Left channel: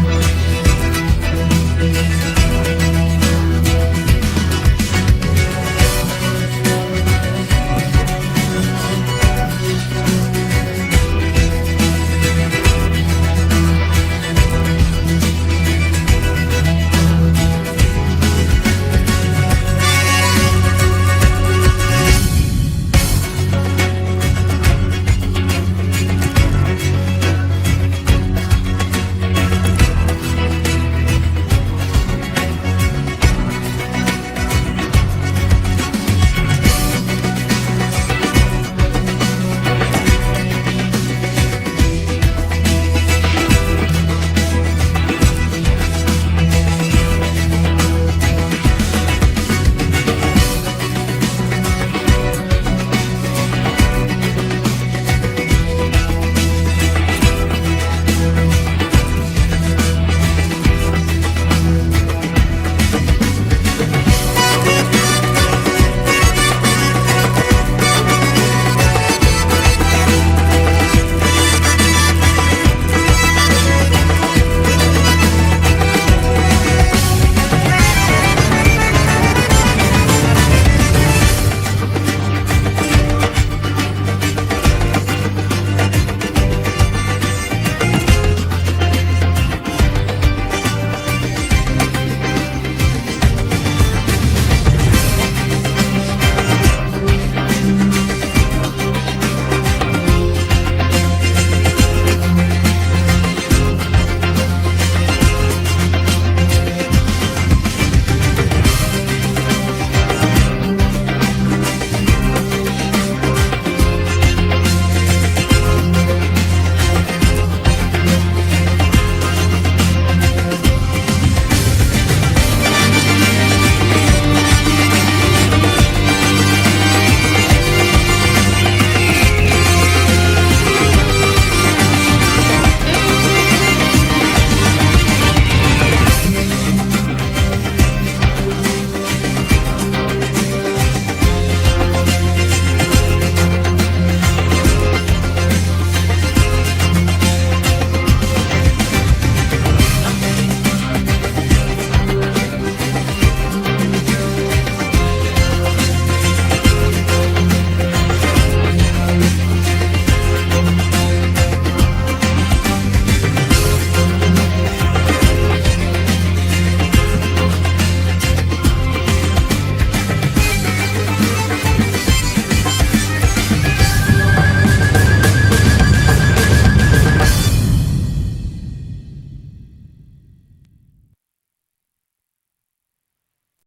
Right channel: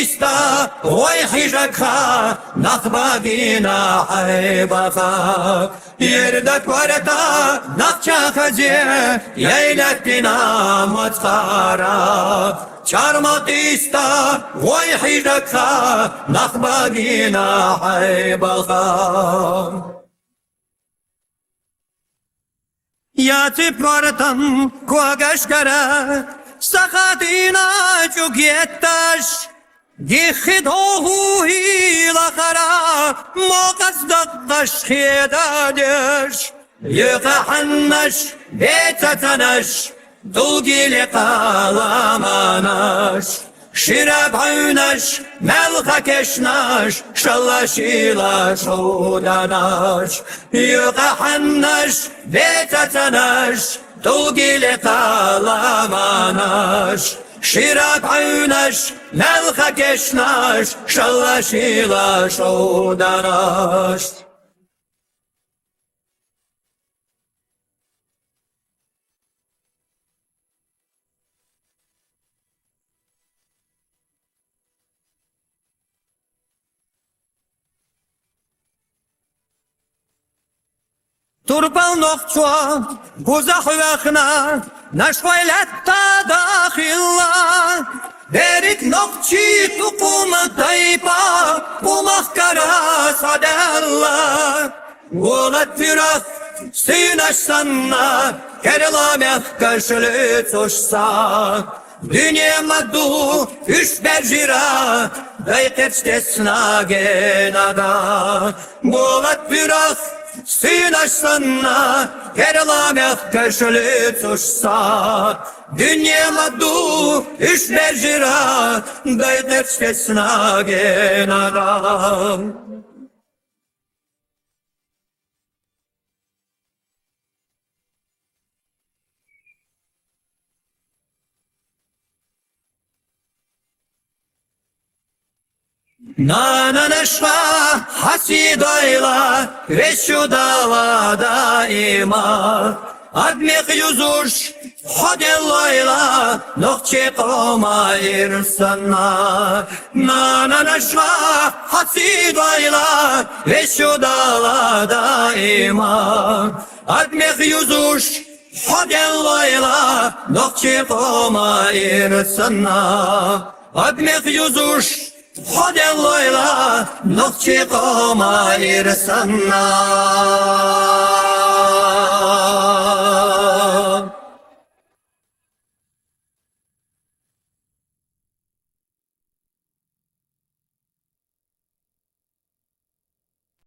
إستا ويحيجكا نخباقينا حيبغا يردك ورقا نخشا خزي ليلتنا متخارا شارمط إستا ويحيجكا نخباقينا حيبغا Yatıp vardım kuagaşkara Sakadina cugyettaş Dikhi doğu hilakara Moqastakkaş hiladış Yıqahannaş etatanaş Tulgili qalamanaş Şirab aynaş Melha keşnaş Şallaşila şudanaş Yıqahannaş etatanaş Tulgili qalamanaş Şirab aynaş Melha keşnaş Şallaşila şudanaş Nashvaylatta dakhillar Derik nokchi tuqum tayba Umahkara sadallar Ulat birak sinaşsanna Kerlameh kaşlı tuşsan Dünya maddu üç berjira Dayqetstesna genada Ulat birak sinaşsanna Kerlameh kaşlı tuşsan Dünya maddu üç berjira Dayqetstesna genada Hasidayla ve şu davada iman Admik yüzuş Hadelayla Nokçi koma irsana Nana naşa Hasidayla ve şu davada iman Admik yüzuş Hadelayla Nokçi koma irsana Admik yüzuş Hadelayla Nokçi koma irsana